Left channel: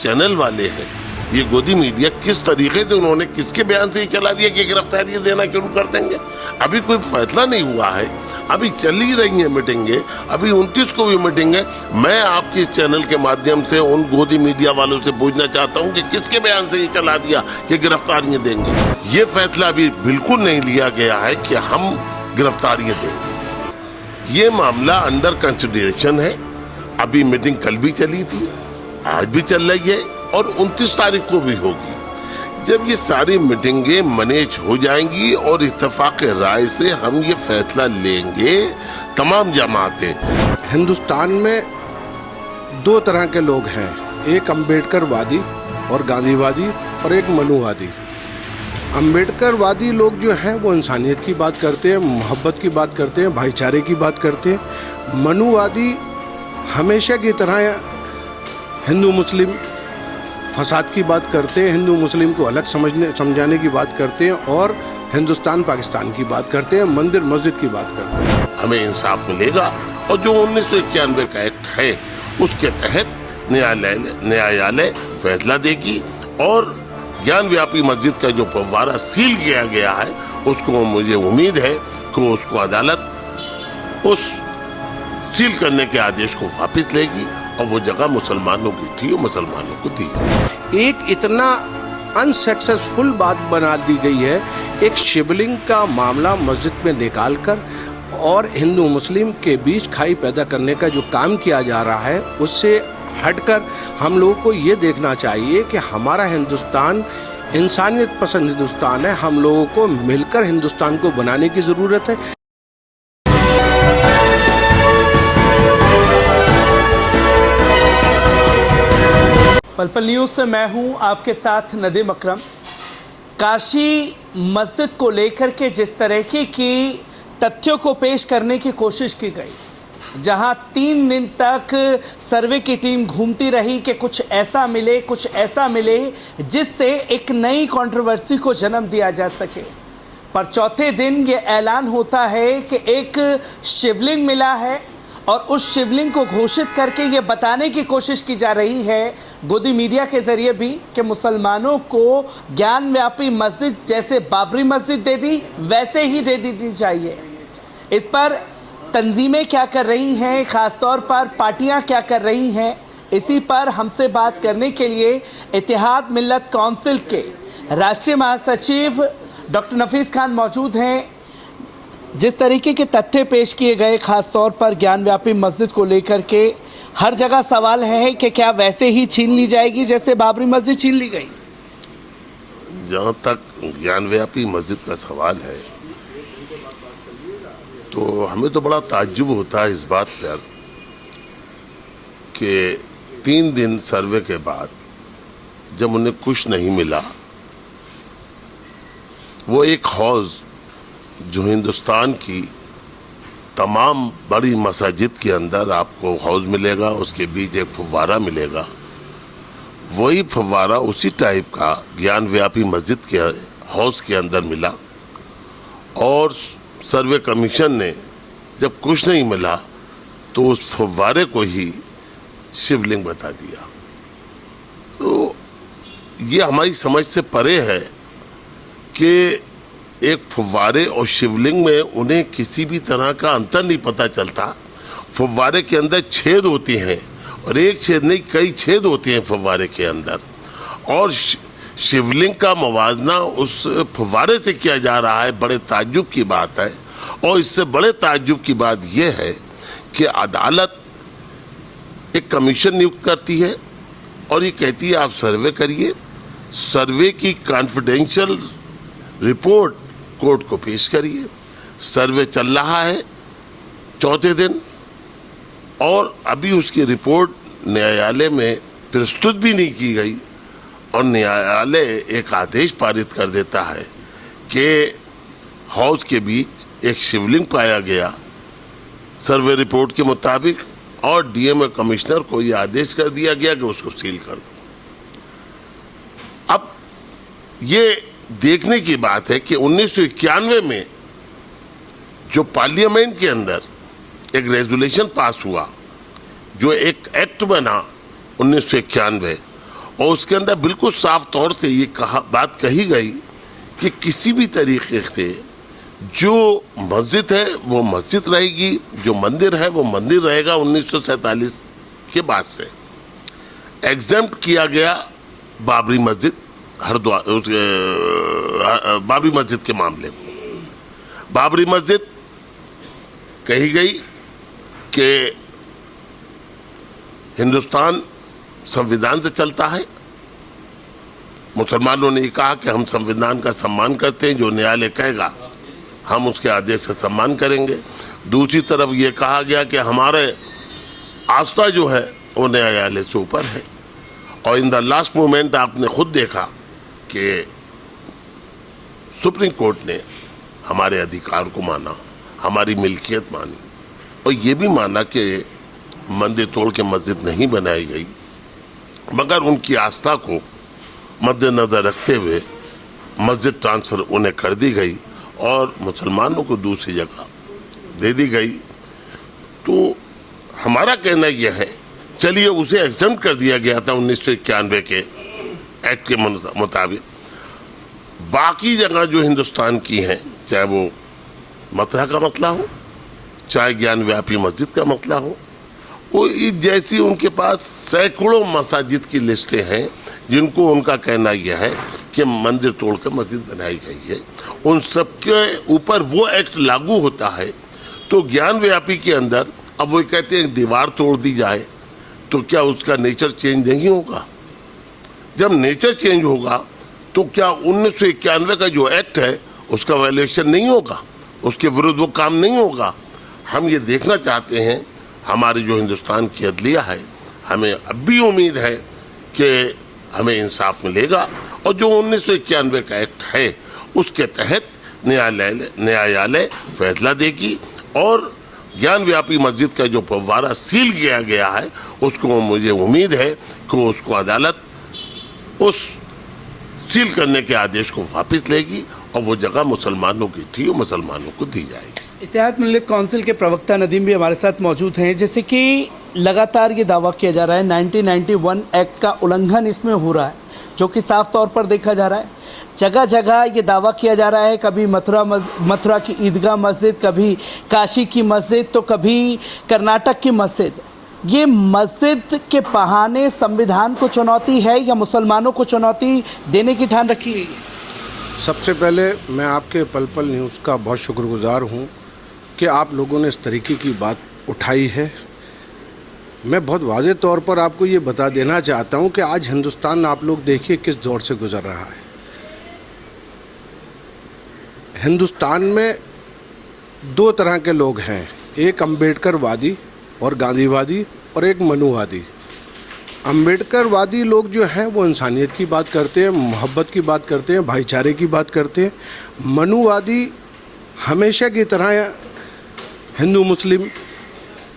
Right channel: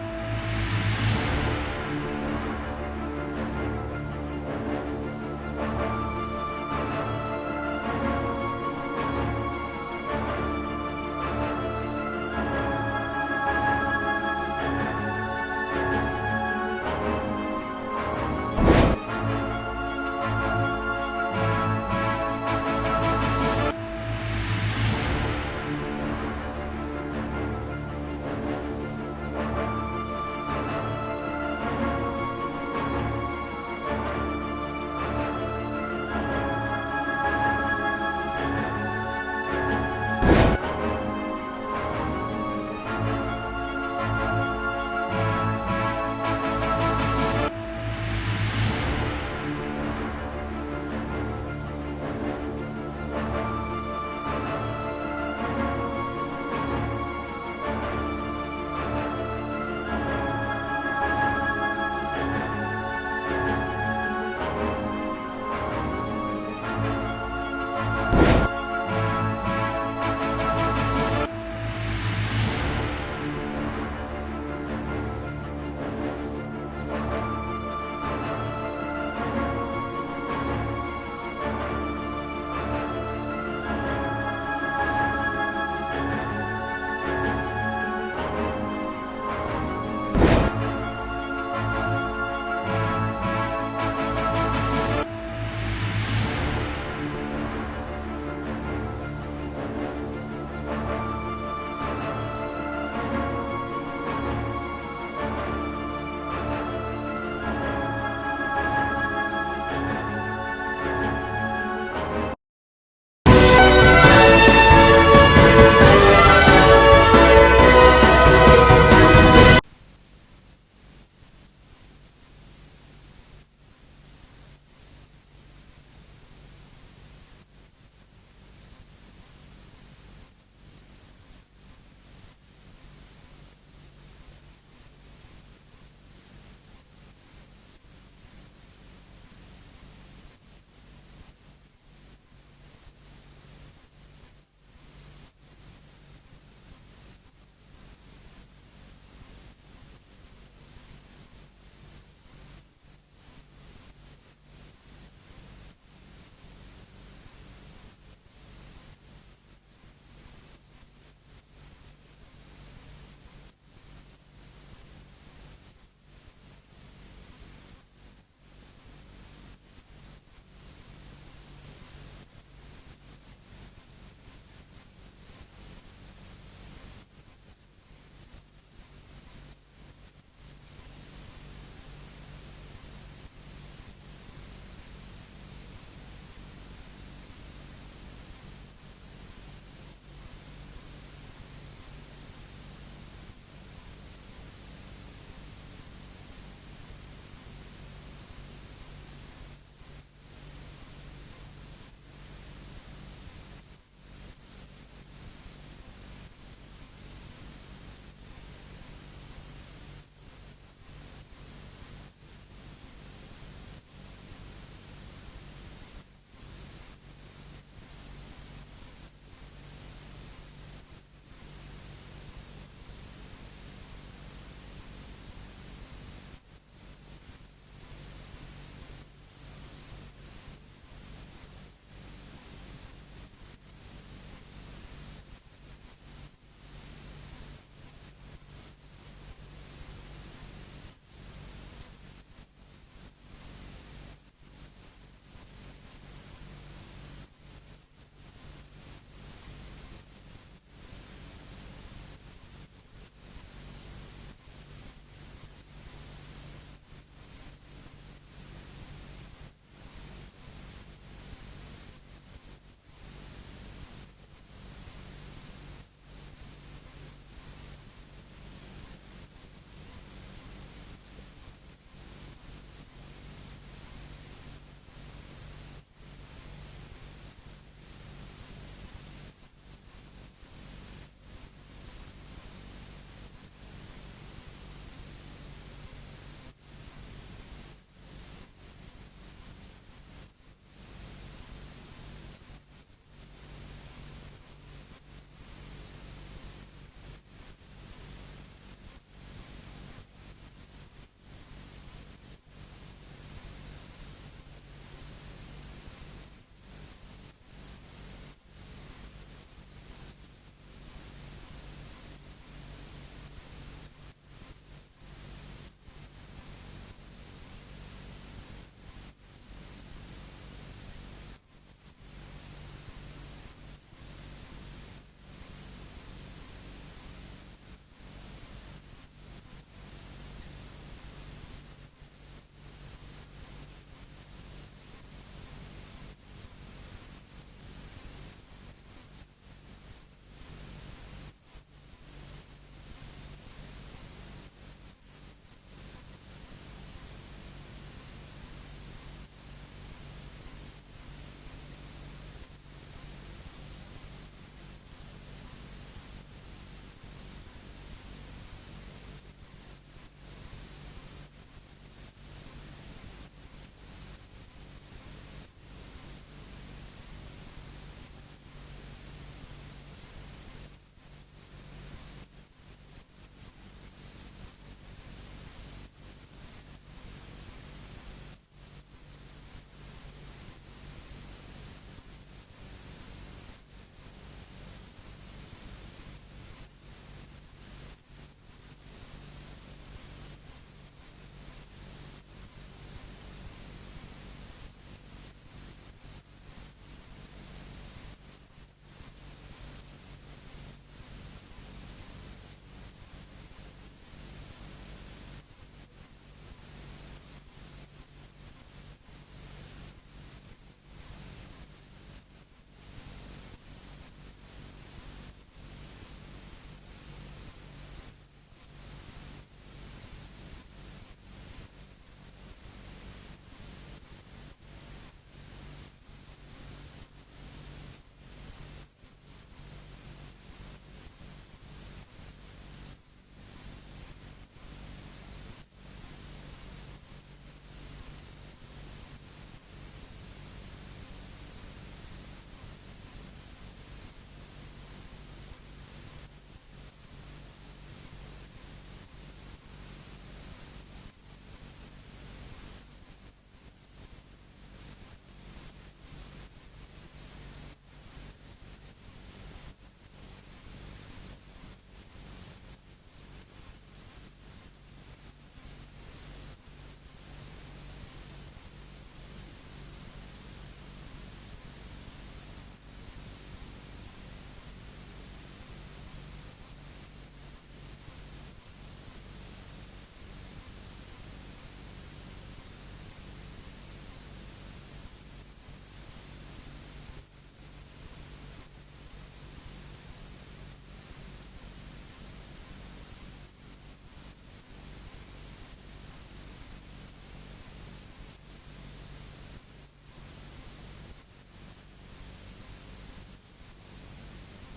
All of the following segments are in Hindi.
चैनल वाले हैं, ये गोदी मीडिया, किस तरीके से उन्होंने किसके बयान से ही चला दिया कि गिरफ्तारी देना शुरू कर देंगे। अभी कोई फैसला नहीं हुआ है, अभी चल ही रही है मीटिंगें, अभी 29 को भी मीटिंग है। मैं आपके इस चैनल के माध्यम से उन गोदी मीडिया वालों से पूछना चाहता हूं कि किसके बयान से ये चला दिया कि गिरफ्तारियां देंगे। ये फैसला अभी बिल्कुल नहीं लिया गया है कि हम गिरफ्तारियां देंगे। ये मामला अंडर कंसिडरेशन है। अभी मीटिंग कल भी चली थी, आज भी चल रही है और 29 तारीख को भी होगी। जब ये सारी मीटिंगें मैनेज हो जाएंगी और इत्तेफाक राय से हम ये फैसला लेंगे, तमाम जमातें। हिंदुस्तान में दो तरह के लोग हैं, एक अम्बेडकरवादी और गांधीवादी और एक मनुवादी। अम्बेडकरवादी लोग जो हैं वो इंसानियत की बात करते हैं, मोहब्बत की बात करते हैं, भाईचारे की बात करते हैं। मनुवादी हमेशा की तरह हिंदू मुस्लिम फसाद की बात करते हैं, हिंदू मुस्लिम को अलग समझाने की बात करते हैं और हिंदुस्तान पाकिस्तान की बात करते हैं, मंदिर मस्जिद की बात करते हैं। हमें इंसाफ मिलेगा और जो 1991 का एक्ट है उसके तहत न्यायालय फैसला देगी और ज्ञान व्यापी मस्जिद का जो फव्वारा सील किया गया है उसको मुझे उम्मीद है कि उसको अदालत उस सील करने के आदेश को वापस लेगी और वो जगह मुसलमानों की थी वो मुसलमानों को दी। एक इतना अनसक्सेसफुल बात बना दी गई है, एक शिवलिंग का मामला मस्जिद में निकालकर और हिंदू मुस्लिम के बीच खाई पैदा करने का जो काम किया जा रहा है उससे हटकर हम लोगों को ये देखना चाहिए कि हमारा हिंदुस्तान इंसानियत पसंद हिंदुस्तान है। हम लोगों को मिलकर हिंदुस्तान को बनाने की ज़रूरत है। पल न्यूज़ से मैं हूं आपके साथ नदीम अकरम। काशी मस्जिद को लेकर के जिस तरीके की तथ्यों को पेश करने की कोशिश की गई, जहां 3 दिन तक सर्वे की टीम घूमती रही कि कुछ ऐसा मिले जिससे एक नई कंट्रोवर्सी को जन्म दिया जा सके, पर चौथे दिन ये ऐलान होता है कि एक शिवलिंग मिला है और उस शिवलिंग को घोषित करके ये बताने की कोशिश की जा रही है गोदी मीडिया के जरिए भी कि मुसलमानों को ज्ञान व्यापी मस्जिद जैसे बाबरी मस्जिद दे दी वैसे ही दे दी चाहिए। इस पर तंजीमें क्या कर रही हैं, ख़ासतौर पर पार्टियां क्या कर रही हैं, इसी पर हमसे बात करने के लिए इत्तेहाद मिल्लत काउंसिल के राष्ट्रीय महासचिव डॉक्टर नफीस खान मौजूद हैं। जिस तरीके के तथ्य पेश किए गए, ख़ासतौर पर ज्ञान व्यापी मस्जिद को लेकर के हर जगह सवाल है कि क्या वैसे ही छीन ली जाएगी जैसे बाबरी मस्जिद छीन ली गई। जहाँ तक ज्ञान व्यापी मस्जिद का सवाल है तो हमें तो बड़ा ताज्जुब होता है इस बात पर कि 3 दिन सर्वे के बाद जब उन्हें कुछ नहीं मिला, वो एक हौज जो हिंदुस्तान की तमाम बड़ी मसाजिद के अंदर आपको हौज मिलेगा, उसके बीच एक फव्वारा मिलेगा, वही फव्वारा उसी टाइप का ज्ञान व्यापी मस्जिद के हौज के अंदर मिला और सर्वे कमीशन ने जब कुछ नहीं मिला तो उस फव्वारे को ही शिवलिंग बता दिया। तो ये हमारी समझ से परे है कि एक फव्वारे और शिवलिंग में उन्हें किसी भी तरह का अंतर नहीं पता चलता। फव्वारे के अंदर छेद होती हैं और एक छेद नहीं कई छेद होते हैं फव्वारे के अंदर, और शिवलिंग का मवाजना उस फव्वारे से किया जा रहा है। बड़े ताज्जुब की बात है और इससे बड़े ताज्जुब की बात यह है कि अदालत एक कमीशन नियुक्त करती है और ये कहती है आप सर्वे करिए, सर्वे की कॉन्फिडेंशियल रिपोर्ट कोर्ट को पेश करिए। सर्वे चल रहा है चौथे दिन और अभी उसकी रिपोर्ट न्यायालय में प्रस्तुत भी नहीं की गई और न्यायालय एक आदेश पारित कर देता है कि हाउस के बीच एक शिवलिंग पाया गया सर्वे रिपोर्ट के मुताबिक, और डीएम कमिश्नर को यह आदेश कर दिया गया कि उसको सील कर दो। अब ये देखने की बात है कि 1991 में जो पार्लियामेंट के अंदर एक रेजोल्यूशन पास हुआ, जो एक एक्ट बना 1991, और उसके अंदर बिल्कुल साफ तौर से ये बात कही गई कि किसी भी तरीके से जो मस्जिद है वो मस्जिद रहेगी, जो मंदिर है वो मंदिर रहेगा। 1947 के बाद से एग्जेम्प्ट किया गया बाबरी मस्जिद, हरिद्वार बाबरी मस्जिद के मामले में। बाबरी मस्जिद कही गई कि हिंदुस्तान संविधान से चलता है। मुसलमानों ने कहा कि हम संविधान का सम्मान करते हैं, जो न्यायालय कहेगा हम उसके आदेश का सम्मान करेंगे। दूसरी तरफ ये कहा गया कि हमारे आस्था जो है वो न्यायालय से ऊपर है। और इन द लास्ट मोमेंट आपने खुद देखा कि सुप्रीम कोर्ट ने हमारे अधिकार को माना, हमारी मिल्कियत मानी और ये भी माना कि मंदिर तोड़ के मस्जिद नहीं बनाई गई, मगर उनकी आस्था को मद्देनजर रखते हुए मस्जिद ट्रांसफ़र उन्हें कर दी गई और मुसलमानों को दूसरी जगह दे दी गई। तो हमारा कहना यह है, चलिए उसे एग्जेम्प्ट कर दिया गया था 1991 के एक्ट के मुताबिक। बाकी जगह जो हिंदुस्तान की हैं, चाहे वो मथुरा का मसला हो, चाहे ज्ञान व्यापी मस्जिद का मसला हो, वो जैसी उनके पास सैकड़ों मसाजिद की लिस्टें हैं जिनको उनका कहना यह है कि मंदिर तोड़कर मस्जिद बनाई गई है, उन सबके ऊपर वो एक्ट लागू होता है। तो ज्ञान व्यापी के अंदर अब वो कहते हैं दीवार तोड़ दी जाए तो क्या उसका नेचर चेंज नहीं होगा? जब नेचर चेंज होगा तो क्या 1991 का जो एक्ट है उसका वैल्यूएशन नहीं होगा, उसके विरुद्ध वो काम नहीं होगा? हम ये देखना चाहते हैं, हमारे जो हिंदुस्तान की अदलिया है, हमें अब भी उम्मीद है कि हमें इंसाफ मिलेगा और जो 1991 का एक्ट है उसके तहत न्यायालय फैसला देगी और ज्ञान व्यापी मस्जिद का जो फव्वारा सील किया गया है उसको मुझे उम्मीद है कि उसको अदालत उस सील करने के आदेश को वापस लेगी और वो जगह मुसलमानों की थी वो मुसलमानों को दी जाएगी। इत्तेहाद मिल्लत काउंसिल के प्रवक्ता नदीम भी हमारे साथ मौजूद हैं। जैसे कि लगातार ये दावा किया जा रहा है 1991 एक्ट का उल्लंघन इसमें हो रहा है, जो कि साफ तौर पर देखा जा रहा है। जगह जगह ये दावा किया जा रहा है, कभी मथुरा की ईदगाह मस्जिद, कभी काशी की मस्जिद, तो कभी कर्नाटक की मस्जिद। ये मस्जिद के बहाने संविधान को चुनौती है या मुसलमानों को चुनौती देने की ठान रखी गई है? सबसे पहले मैं आपके पल पल न्यूज़ का बहुत शुक्रगुजार हूँ कि आप लोगों ने इस तरीके की बात उठाई है। मैं बहुत वाज़ेह तौर पर आपको ये बता देना चाहता हूँ कि आज हिंदुस्तान आप लोग देखिए किस दौर से गुजर रहा है। हिंदुस्तान में दो तरह के लोग हैं, एक अम्बेडकरवादी और गांधीवादी और एक मनुवादी। अम्बेडकरवादी लोग जो हैं वो इंसानियत की बात करते हैं, मोहब्बत की बात करते हैं, भाईचारे की बात करते हैं। मनुवादी हमेशा की तरह हिंदू मुस्लिम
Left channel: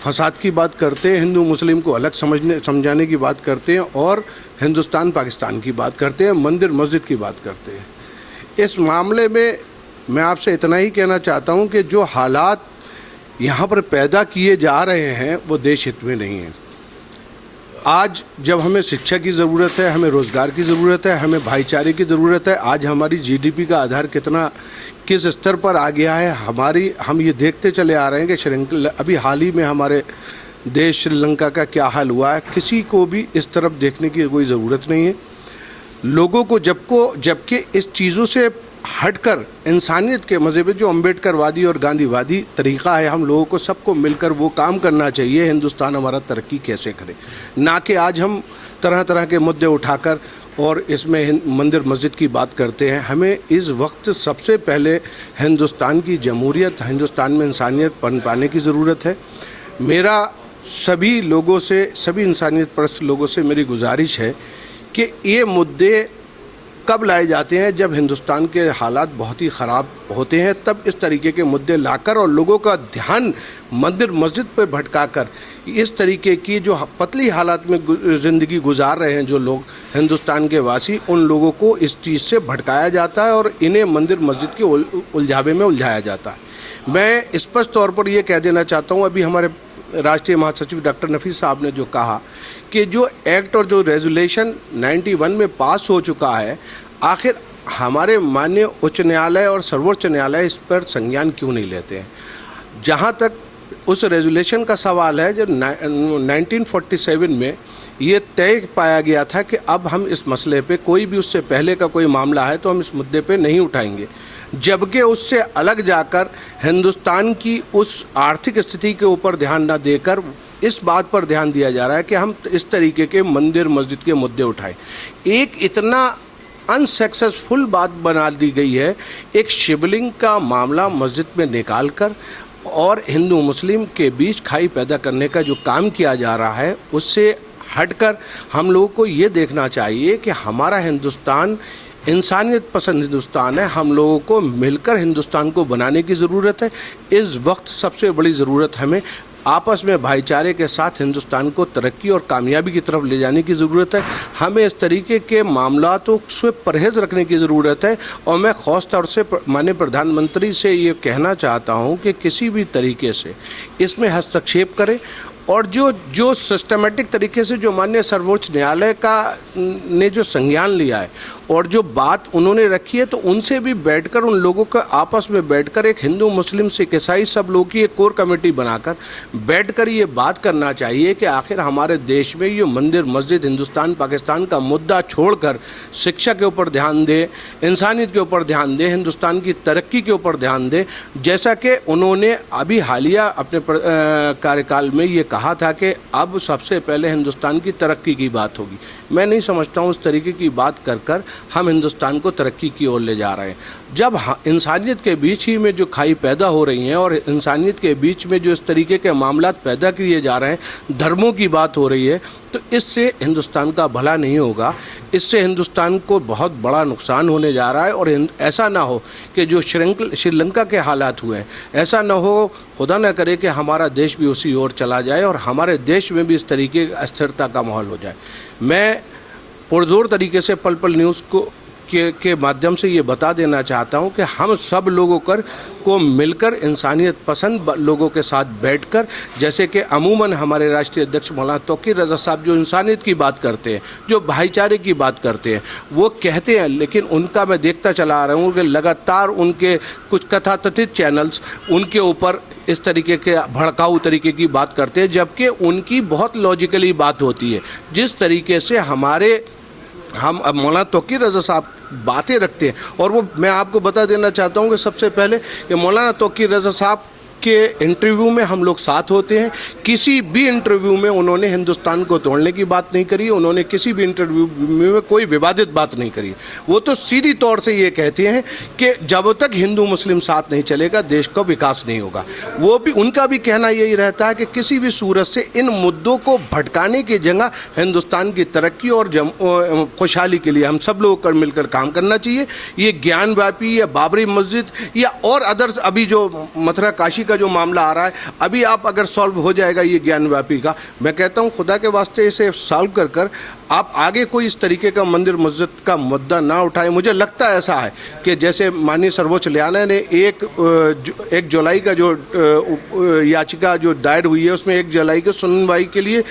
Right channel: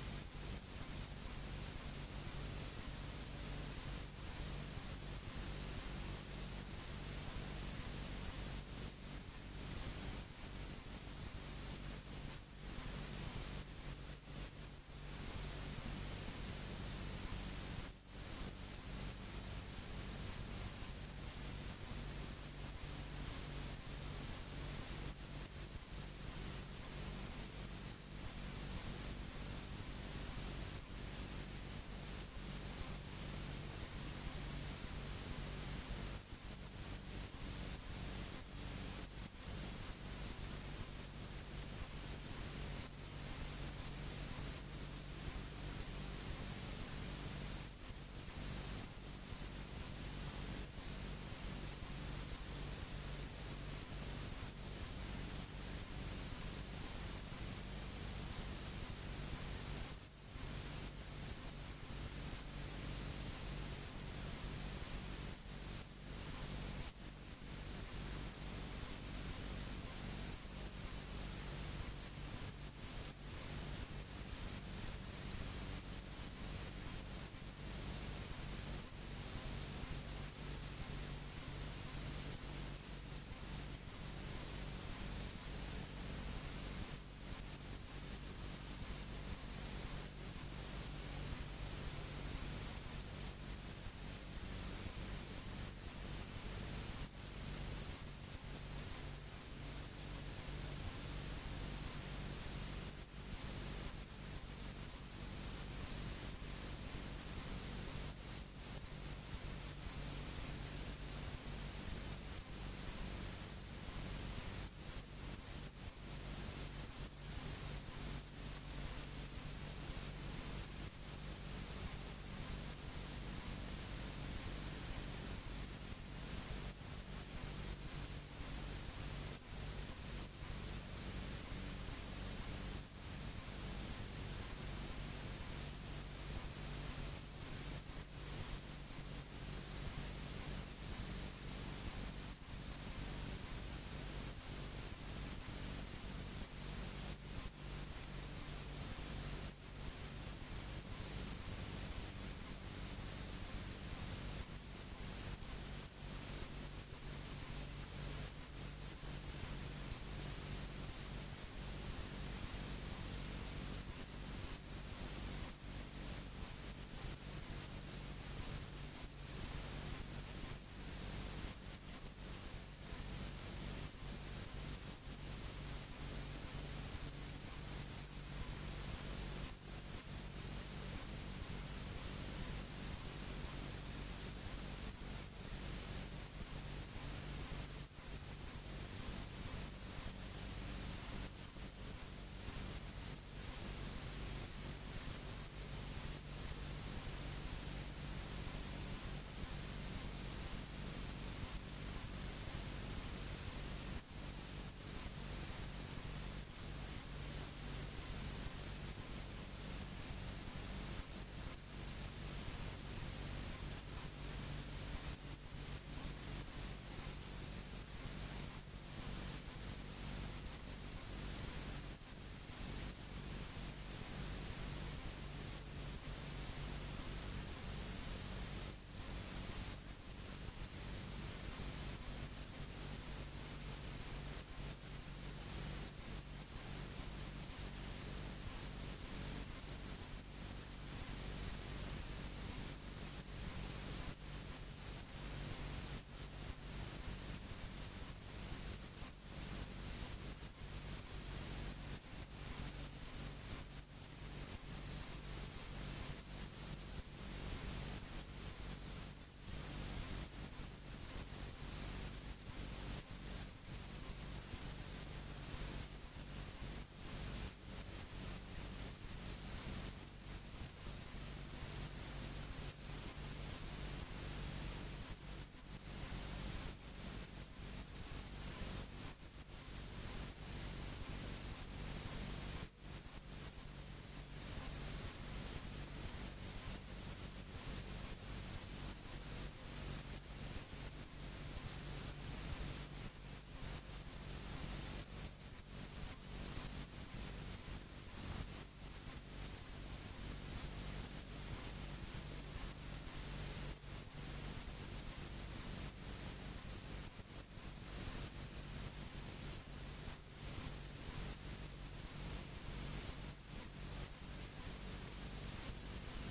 फसाद की बात करते हैं, हिंदू मुस्लिम को अलग समझाने की बात करते हैं और हिंदुस्तान पाकिस्तान की बात करते हैं, मंदिर मस्जिद की बात करते हैं। इस मामले में मैं आपसे इतना ही कहना चाहता हूं कि जो हालात यहाँ पर पैदा किए जा रहे हैं वो देश हित में नहीं है। आज जब हमें शिक्षा की ज़रूरत है, हमें रोज़गार की ज़रूरत है, हमें भाईचारे की ज़रूरत है, आज हमारी जीडीपी का आधार किस स्तर पर आ गया है, हम ये देखते चले आ रहे हैं कि श्रीलंका, अभी हाल ही में हमारे देश श्रीलंका का क्या हाल हुआ है। किसी को भी इस तरफ देखने की कोई ज़रूरत नहीं है। लोगों को जबकि इस चीज़ों से हटकर इंसानियत के मज़े पे जो अम्बेडकरवादी और गांधीवादी तरीक़ा है, हम लोगों को सबको मिलकर वो काम करना चाहिए हिंदुस्तान हमारा तरक्की कैसे करे, ना कि आज हम तरह तरह के मुद्दे उठाकर और इसमें मंदिर मस्जिद की बात करते हैं। हमें इस वक्त सबसे पहले हिंदुस्तान की जमहूरियत, हिंदुस्तान में इंसानियत पनपाने की ज़रूरत है। मेरा सभी लोगों से, सभी इंसानियत परस्त लोगों से मेरी गुजारिश है कि ये मुद्दे कब लाए जाते हैं जब हिंदुस्तान के हालात बहुत ही ख़राब होते हैं, तब इस तरीके के मुद्दे लाकर और लोगों का ध्यान मंदिर मस्जिद पर भटकाकर इस तरीके की जो पतली हालात में ज़िंदगी गुजार रहे हैं जो लोग हिंदुस्तान के वासी, उन लोगों को इस चीज़ से भटकाया जाता है और इन्हें मंदिर मस्जिद के उलझावे में उलझाया जाता है। मैं स्पष्ट तौर पर यह कह देना चाहता हूँ, अभी हमारे राष्ट्रीय महासचिव डॉक्टर नफीस साहब ने जो कहा कि जो एक्ट और जो रेजोल्यूशन 91 में पास हो चुका है, आखिर हमारे माननीय उच्च न्यायालय और सर्वोच्च न्यायालय इस पर संज्ञान क्यों नहीं लेते हैं। जहाँ तक उस रेजोल्यूशन का सवाल है, जब 1947 में ये तय पाया गया था कि अब हम इस मसले पे कोई भी उससे पहले का कोई मामला है तो हम इस मुद्दे पे नहीं उठाएंगे, जबकि उससे अलग जाकर हिंदुस्तान की उस आर्थिक स्थिति के ऊपर ध्यान न देकर इस बात पर ध्यान दिया जा रहा है कि हम इस तरीके के मंदिर मस्जिद के मुद्दे उठाएं। एक इतना अनसक्सेसफुल बात बना दी गई है, एक शिवलिंग का मामला मस्जिद में निकाल कर और हिंदू मुस्लिम के बीच खाई पैदा करने का जो काम किया जा रहा है, उससे हटकर हम लोगों को ये देखना चाहिए कि हमारा हिंदुस्तान इंसानियत पसंद हिंदुस्तान है। हम लोगों को मिलकर हिंदुस्तान को बनाने की ज़रूरत है। इस वक्त सबसे बड़ी ज़रूरत हमें आपस में भाईचारे के साथ हिंदुस्तान को तरक्की और कामयाबी की तरफ ले जाने की ज़रूरत है। हमें इस तरीके के मामलातों से परहेज़ रखने की ज़रूरत है। और मैं ख़ास तौर से माननीय प्रधानमंत्री से ये कहना चाहता हूँ कि किसी भी तरीके से इसमें हस्तक्षेप करें और जो सिस्टमेटिक तरीके से जो माननीय सर्वोच्च न्यायालय का ने जो संज्ञान लिया है और जो बात उन्होंने रखी है, तो उनसे भी बैठकर उन लोगों को आपस में बैठकर एक हिंदू मुस्लिम सिख ईसाई सब लोगों की एक कोर कमेटी बनाकर बैठकर ये बात करना चाहिए कि आखिर हमारे देश में ये मंदिर मस्जिद हिंदुस्तान पाकिस्तान का मुद्दा छोड़कर शिक्षा के ऊपर ध्यान दे, इंसानियत के ऊपर ध्यान दे, हिंदुस्तान की तरक्की के ऊपर ध्यान दे। जैसा कि उन्होंने अभी हालिया अपने कार्यकाल में ये कहा था कि अब सबसे पहले हिंदुस्तान की तरक्की की बात होगी। मैं नहीं समझता हूँ उस तरीके की बात कर हम हिंदुस्तान को तरक्की की ओर ले जा रहे हैं। जब इंसानियत के बीच ही में जो खाई पैदा हो रही हैं और इंसानियत के बीच में जो इस तरीके के मामलात पैदा किए जा रहे हैं, धर्मों की बात हो रही है, तो इससे हिंदुस्तान का भला नहीं होगा। इससे हिंदुस्तान को बहुत बड़ा नुकसान होने जा रहा है। और ऐसा ना हो कि जो श्रीलंका के हालात हुए हैं, ऐसा ना हो, खुदा न करे कि हमारा देश भी उसी ओर चला जाए और हमारे देश में भी इस तरीके की अस्थिरता का माहौल हो जाए। मैं पुरजोर तरीके से पल पल न्यूज़ के माध्यम से ये बता देना चाहता हूँ कि हम सब लोगों को मिलकर इंसानियत पसंद लोगों के साथ बैठकर, जैसे कि अमूमन हमारे राष्ट्रीय अध्यक्ष मौलाना तौकीर रज़ा साहब जो इंसानियत की बात करते हैं, जो भाईचारे की बात करते हैं, वो कहते हैं, लेकिन उनका मैं देखता चला आ रहा हूँ कि लगातार उनके कुछ कथाकथित चैनल्स उनके ऊपर इस तरीके के भड़काऊ तरीके की बात करते हैं, जबकि उनकी बहुत लॉजिकली बात होती है। जिस तरीके से हम मौलाना तौकीर रज़ा साहब बातें रखते हैं, और वो मैं आपको बता देना चाहता हूँ कि सबसे पहले कि मौलाना तौकीर रज़ा साहब के इंटरव्यू में हम लोग साथ होते हैं। किसी भी इंटरव्यू में उन्होंने हिंदुस्तान को तोड़ने की बात नहीं करी, उन्होंने किसी भी इंटरव्यू में कोई विवादित बात नहीं करी। वो तो सीधी तौर से ये कहते हैं कि जब तक हिंदू मुस्लिम साथ नहीं चलेगा देश का विकास नहीं होगा। वो भी उनका भी कहना यही रहता है कि किसी भी सूरत से इन मुद्दों को भटकाने की जगह हिंदुस्तान की तरक्की और खुशहाली के लिए हम सब लोगों को मिलकर काम करना चाहिए। ये ज्ञानव्यापी या बाबरी मस्जिद या और अदर्स अभी जो मथुरा काशी का जो मामला आ रहा है, अभी आप अगर सॉल्व हो जाएगा ये ज्ञानव्यापी का, मैं कहता हूँ खुदा के वास्ते इसे सॉल्व कर आप आगे कोई इस तरीके का मंदिर मस्जिद का मुद्दा ना उठाए। मुझे लगता है ऐसा है कि जैसे माननीय सर्वोच्च न्यायालय ने 1 जुलाई का जो याचिका जो दायर हुई है, उसमें 1 जुलाई को सुनवाई के लिए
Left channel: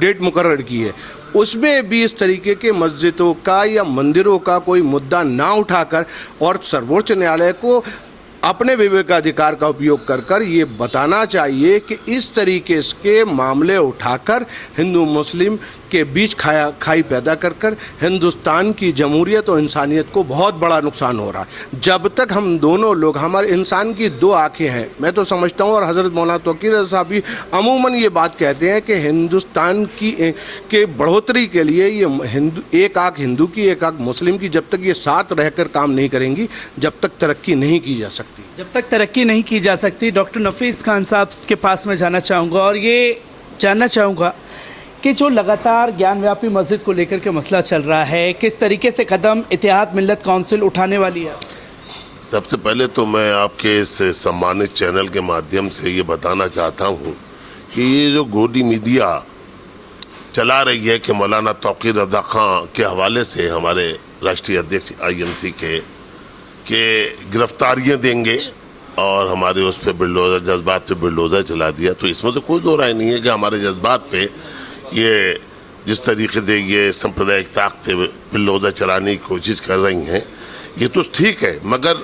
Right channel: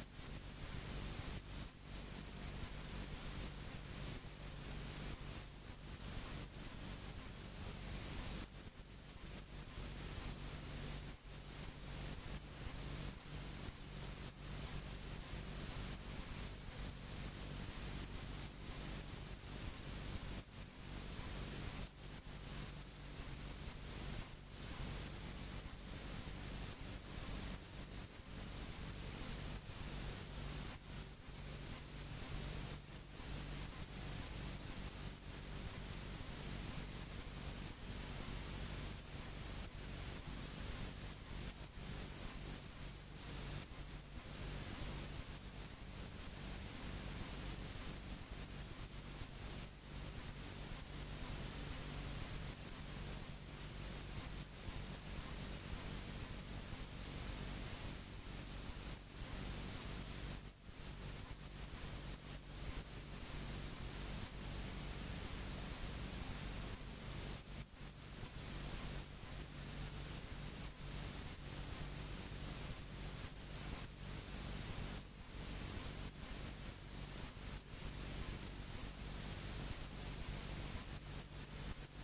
डेट मुकर्रर की है। उसमें भी इस तरीके के मस्जिदों का या मंदिरों का कोई मुद्दा ना उठाकर और सर्वोच्च न्यायालय को अपने विवेकाधिकार का उपयोग कर ये बताना चाहिए कि इस तरीके के मामले उठाकर हिंदू मुस्लिम के बीच खाई पैदा कर हिंदुस्तान की जमहूरियत और इंसानियत को बहुत बड़ा नुकसान हो रहा है। जब तक हम दोनों लोग, हमारे इंसान की 2 आंखें हैं, मैं तो समझता हूँ, और हज़रत मौलाना तौकीर साहब भी अमूमन ये बात कहते हैं कि हिंदुस्तान के बढ़ोतरी के लिए ये एक आंख हिंदू की एक आंख मुस्लिम की, जब तक ये साथ रहकर काम नहीं करेंगी, जब तक तरक्की नहीं की जा सकती। जब तक तरक्की नहीं की जा सकती, डॉक्टर नफीस खान साहब के पास मैं जाना चाहूँगा और ये जानना चाहूँगा कि जो लगातार ज्ञानव्यापी मस्जिद को लेकर के मसला चल रहा है, किस तरीके से कदम इत्तेहाद मिल्लत काउंसिल उठाने वाली है? सबसे पहले तो मैं आपके इस सम्मानित चैनल के माध्यम से ये बताना चाहता हूँ कि ये जो गोदी मीडिया चला रही है कि मौलाना तौकीर रज़ा खान के हवाले से हमारे राष्ट्रीय अध्यक्ष IMC के गिरफ्तारियाँ देंगे और हमारे उस पर बिल्डोजर, जज्बात पे बिल्डोजर चला दिया। तो इसमें तो कोई दो राय नहीं है कि हमारे जज्बात पे ये जिस तरीके से ये सांप्रदायिक ताकतें बिल्डोजर चलाने की कोशिश कर रही हैं, ये तो ठीक है, मगर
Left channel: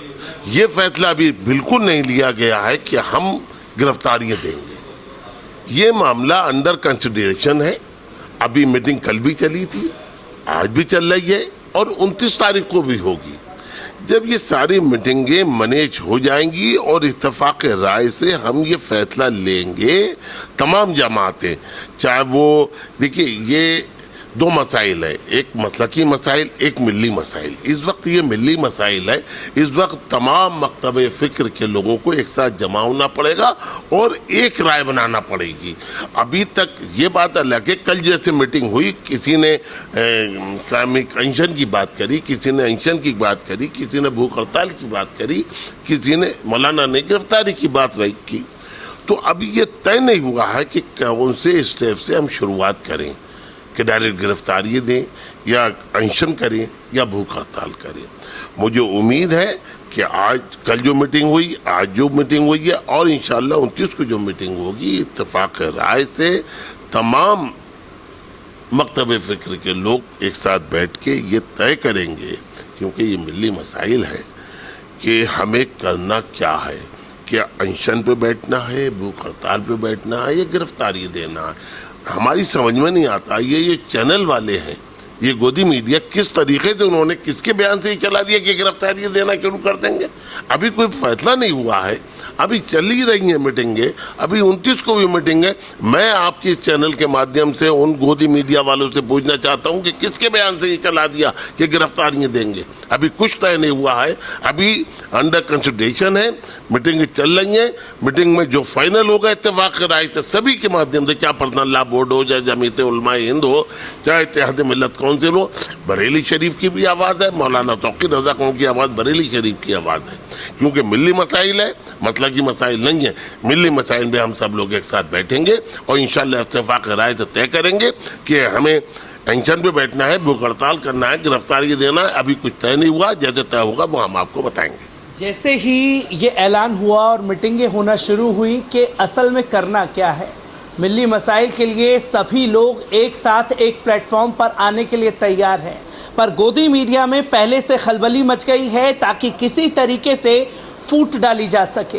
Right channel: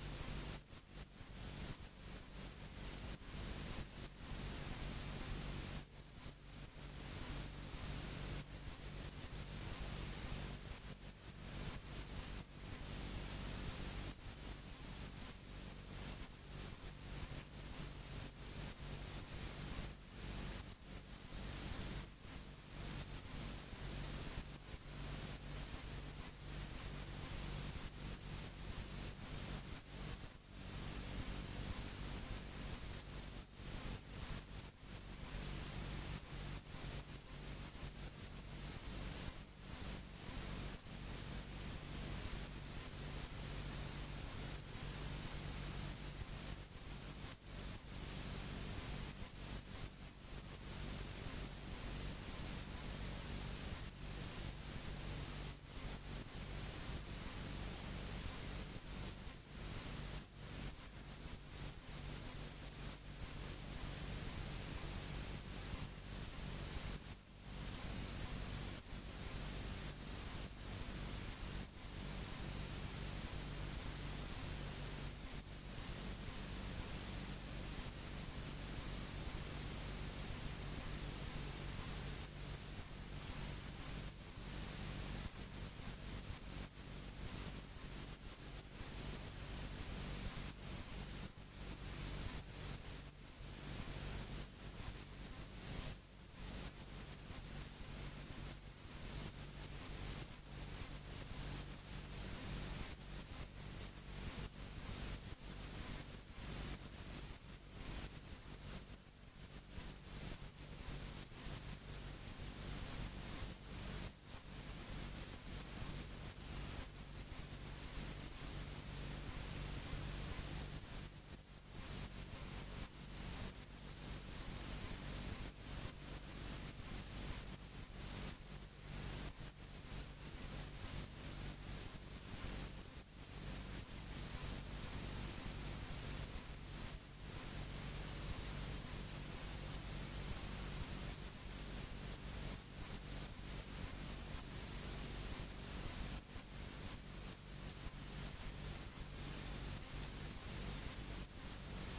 ये फैसला अभी बिल्कुल नहीं लिया गया है कि हम गिरफ्तारियां देंगे। ये मामला अंडर कंसिडरेशन है। अभी मीटिंग कल भी चली थी, आज भी चल रही है और 29 तारीख को भी होगी। जब ये सारी मीटिंगें मैनेज हो जाएंगी और इत्तेफाक राय से हम ये फैसला लेंगे, तमाम जमातें, चाहे वो, देखिए ये दो मसाइल है, एक मसलकी मसाइल, एक मिली मसाइल। इस वक्त ये मिली मसाइल है। इस वक्त तमाम मकतब फ़िक्र के लोगों को एक साथ जमा होना पड़ेगा और एक राय बनाना पड़ेगी। अभी तक ये बात अलग है, कल जैसे मीटिंग हुई, किसी ने इस्लामिक अनशन की बात करी, किसी ने अनशन की बात करी, किसी ने भूख हड़ताल की बात करी, किसी ने मौलाना ने गिरफ्तारी की बात रही की। तो अभी ये तय नहीं हुआ है कि कौन से स्टेप से हम शुरुआत करें, कि डायरेक्ट गिरफ्तारी दें या अनशन करें या भूख हड़ताल करें। मुझे उम्मीद है कि आज कल जो मीटिंग हुई, आज जो मीटिंग हुई है और इंशाल्लाह 29 को जो मीटिंग होगी, इत्तेफाक राय से तमाम मकतब फ़िक्र के लोग एक साथ बैठ के ये तय करेंगे, क्योंकि ये मिली मसाइल है कि हमें करना क्या है, क्या अनशन पे बैठना है, भूख हड़ताल पे बैठना है या गिरफ्तारी देना है। हमारी समझ में नहीं आता। ये चैनल वाले हैं, ये गोदी मीडिया, किस तरीके से उन्होंने किसके बयान से ही चला दिया कि गिरफ्तारी देना शुरू कर देंगे। अभी कोई फैसला नहीं हुआ है, अभी चल ही रही हैं मीटिंगें, अभी 29 को भी मीटिंग है। मैं आपके इस चैनल के माध्यम से उन गोदी मीडिया वालों से पूछना चाहता हूं कि किसके बयान से ये चला दिया कि गिरफ्तारियां देंगे। अभी कुछ तय नहीं हुआ है, अभी अंडर कंसिडरेशन है, मीटिंगें चल रही हैं। मीटिंग में जो फाइनल होगा इत्तेफाक राय से सभी के माध्यम से, चाहे पर्सनल लॉ बोर्ड हो, चाहे जमीयत उलमाए हिंद हो, चाहे इत्तेहाद मिल्लत काउंसिल हो, बरेली शरीफ की भी आवाज़ है, मौलाना तौक़ीर रज़ा खान की आवाज़ बरेली शरीफ की आवाज़ है। क्योंकि मिली मसाइल है, मतलब की मसाइल नहीं है। मिली मसाइल में हम सब लोग एक साथ बैठेंगे और इंशाअल्लाह इत्तेफाक राय से तय करेंगे कि हमें अनशन पे बैठना है, भूख हड़ताल करना है, गिरफ्तारी देना है। अभी कुछ तय नहीं हुआ, जैसे तय होगा वो हम आपको बताएंगे। जैसे ही ये ऐलान हुआ और मीटिंगें होना शुरू हुई कि असल में करना क्या है, मिली मसाइल के लिए सभी लोग एक साथ एक प्लेटफॉर्म पर आने के लिए तैयार हैं, पर गोदी मीडिया में पहले से खलबली मच गई है ताकि किसी तरीके से फूट डाली जा सके।